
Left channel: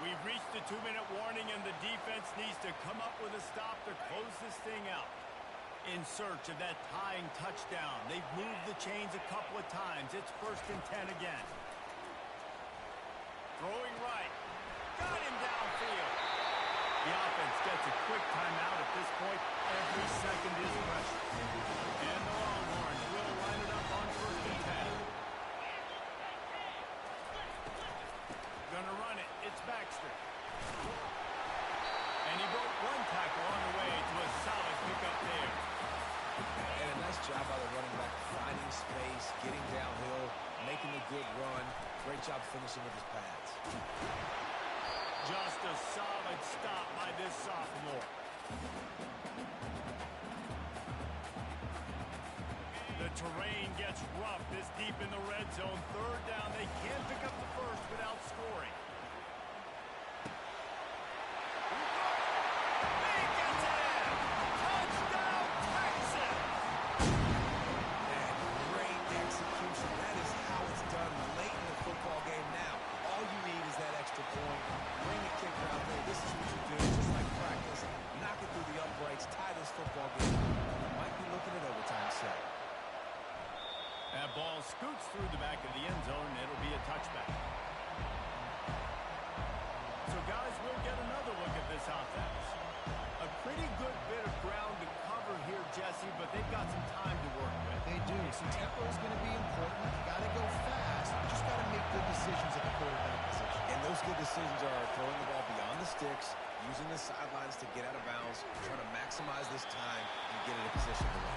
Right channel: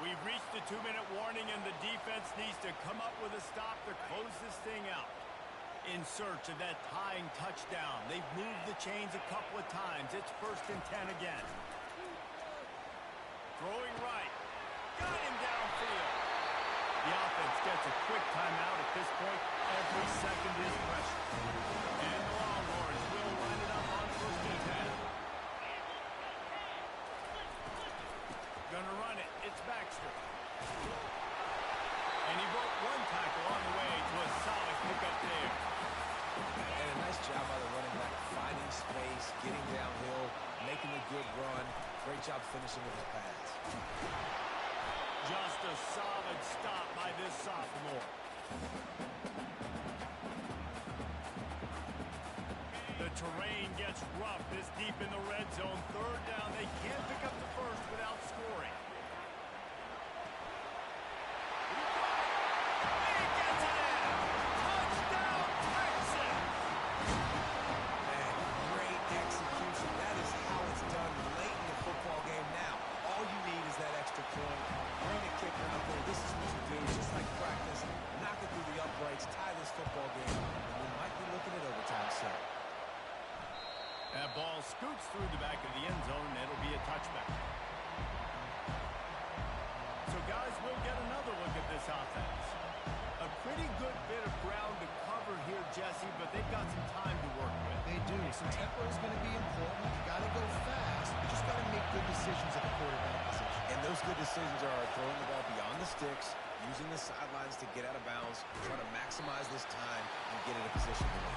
We've reached the 2-minute warning, and the defense needs to come up with a stop to close this thing out. In search of that tying touchdown. They've moved the chains a couple of times. It's 1st and 10 again. Throwing right. Got him downfield. The offense gets a quick timeout at this point. Every second is precious. And the Longhorns will line it up on 1st and 10. Gonna run it. It's Baxter. And he broke one tackle on the way to a solid pickup there. And a nice job by the running back, finding space, getting downhill, making a good run. Great job finishing with his pads. Just a solid stop by this sophomore. The terrain gets rough this deep in the red zone. Third down, they can't pick up the first without scoring. He gets it in! Touchdown, Texas! Man, great execution. That is how it's done late in the football game now. All you need is that extra point. Bring the kicker out there. This is what you do. Just like practice. Knock it through the uprights. Tie this football game. We might be looking at overtime soon. That ball scoots through the back of the end zone, and it'll be a touchback. So, guys, we'll get another look at this offense. A pretty good bit of ground to cover here, Jesse, but they've got some time to work with. They do. Some tempo is going to be important. You got to go fast. You just got to make good decisions at the quarterback position. And those good decisions are throwing the ball beyond the sticks, using the sidelines to get out of bounds, trying to maximize this time and get in a position to win.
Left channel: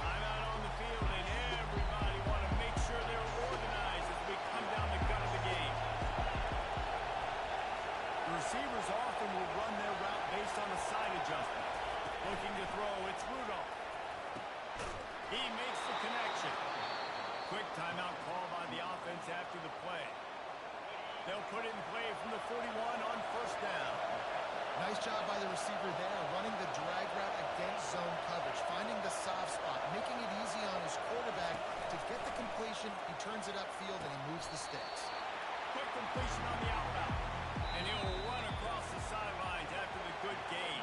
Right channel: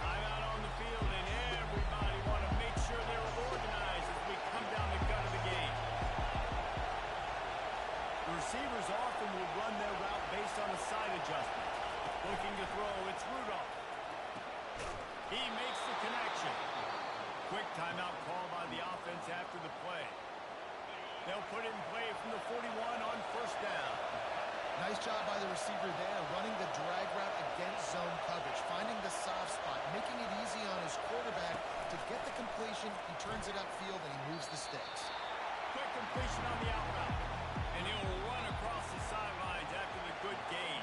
Timeout on the field, and everybody want to make sure they're organized as we come down the gut of the game. The receivers often will run their route based on a side adjustment. Looking to throw, it's Rudolph. He makes the connection. Quick timeout call by the offense after the play. They'll put it in play from the 41 on 1st down. Nice job by the receiver there, running the drag route against zone coverage, finding the soft spot, making it easy on his quarterback to get the completion. He turns it upfield, and he moves the sticks. Quick completion on the out route. And he'll run across the sidelines after the good gain.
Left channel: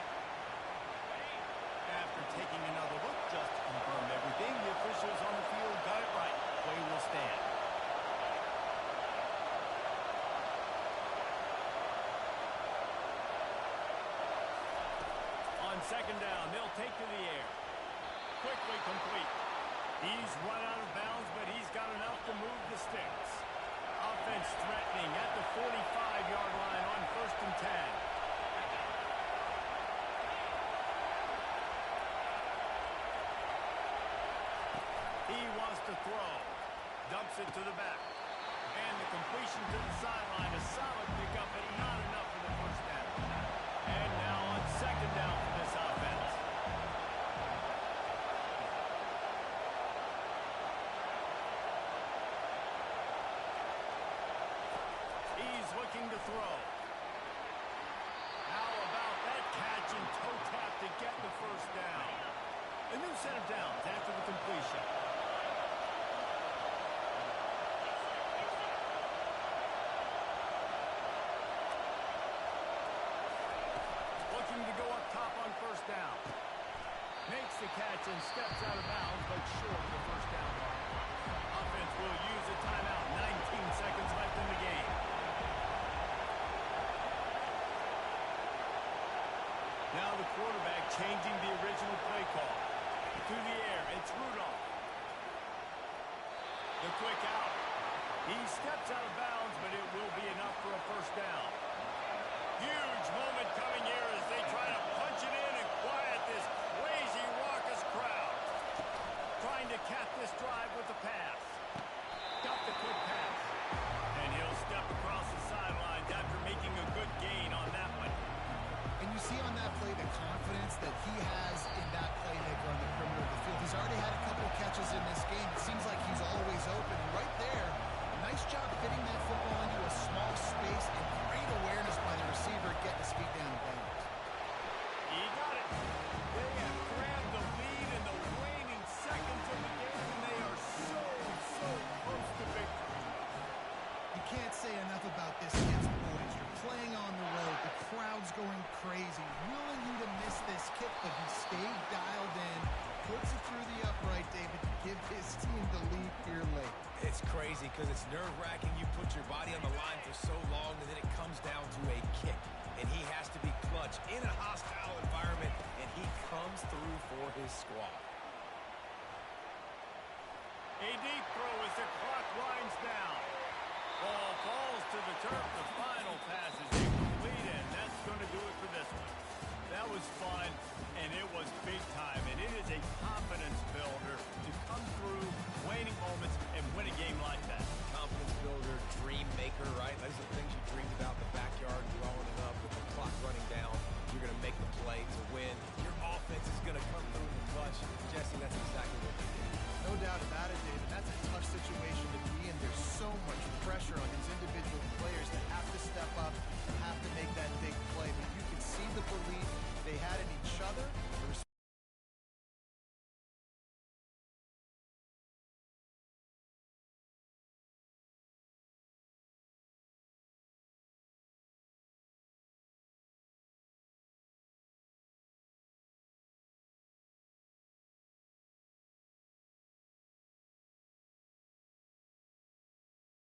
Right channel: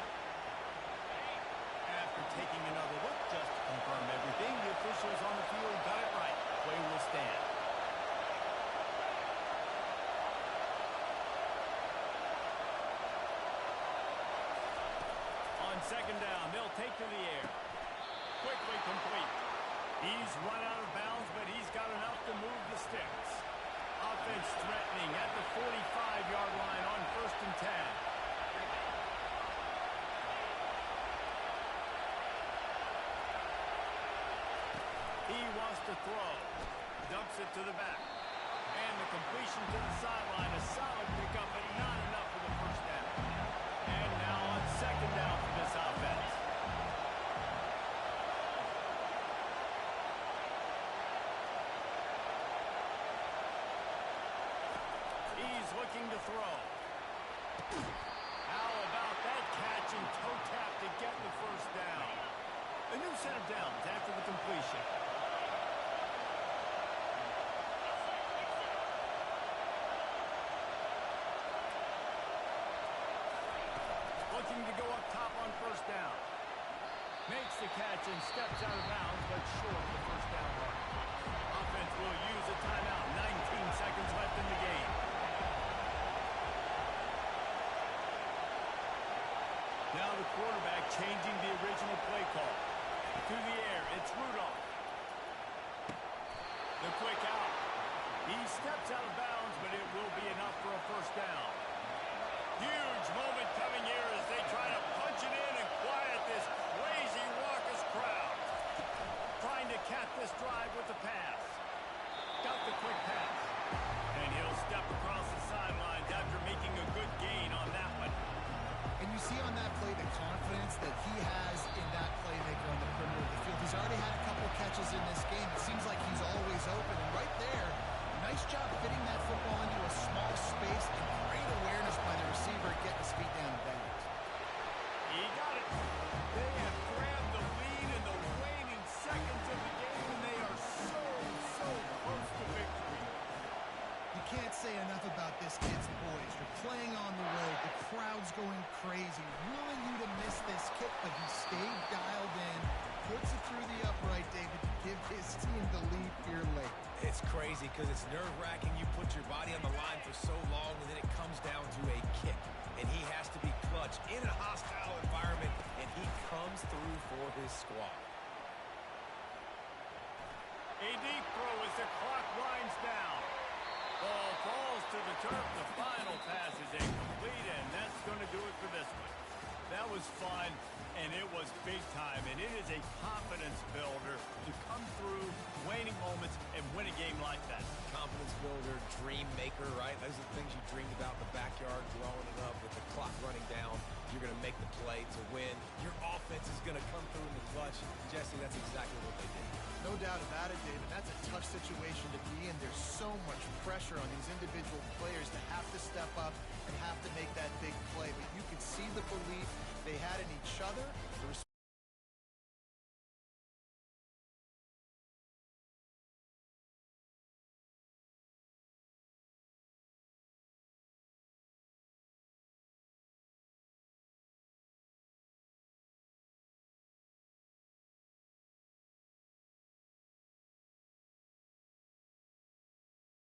After taking another look just to confirm everything, the officials on the field got it right. Play will stand. On 2nd down, they'll take to the air. Quickly complete. He's run out of bounds, but he's got enough to move the sticks. Offense threatening at the 45-yard line on 1st and 10. He wants to throw. Dumps it to the back. And the completion to the sideline. A solid pickup, but not enough for the 1st down. And now on 2nd down for this offense. He's looking to throw. How about that catch and toe tap to get the 1st down? A new set of downs after the completion. Looking to go up top on 1st down. Makes the catch and steps out of bounds, but short of the 1st down mark. Offense will use a timeout. 19 seconds left in the game. Now the quarterback changing the original play call. To the air, it's Rudolph. The quick out. He steps out of bounds, but it will be enough for a 1st down. Huge moment coming here as they try to punch it in and quiet this crazy, raucous crowd. Trying to cap this drive with the pass. Got the quick pass. And he'll step across the sidelines after see on that play the confidence that he has in that playmaker on the perimeter of the field. He's already had a couple catches in this game. It seems like he's always open. And right there, nice job fitting that football into a small space and great awareness by the receiver getting his feet down and bounds. He got it. They have grabbed the lead in the waning seconds of the game, and they are so close to victory. You can't say enough about this kid's poise. You're playing on the road. The crowd's going crazy, willing you to miss this kick, but he stayed dialed in, puts it through the upright, David, to give his team the lead here late. It's crazy because it's nerve-wracking. You put your body on the line for so long, and then it comes down to a kick. And he has to be clutch in a hostile environment, and he comes through for his squad. A deep throw as the clock winds down. Ball falls to the turf. The final pass is incomplete, and that's going to do it for this one. That was fun, and it was big time, and it is a confidence builder to come through waning moments and win a game like that. Confidence builder, dream maker, right? Those are the things you dreamed about in the backyard growing up with the clock running down. You're going to make the play to win. Your offense is going to come through in the clutch. Jesse, that's exactly what they did. No doubt about it, David. That's a tough situation to be in. There's so much pressure on these individual players to have to step up and have to make that big play. But you can see the belief they had in each other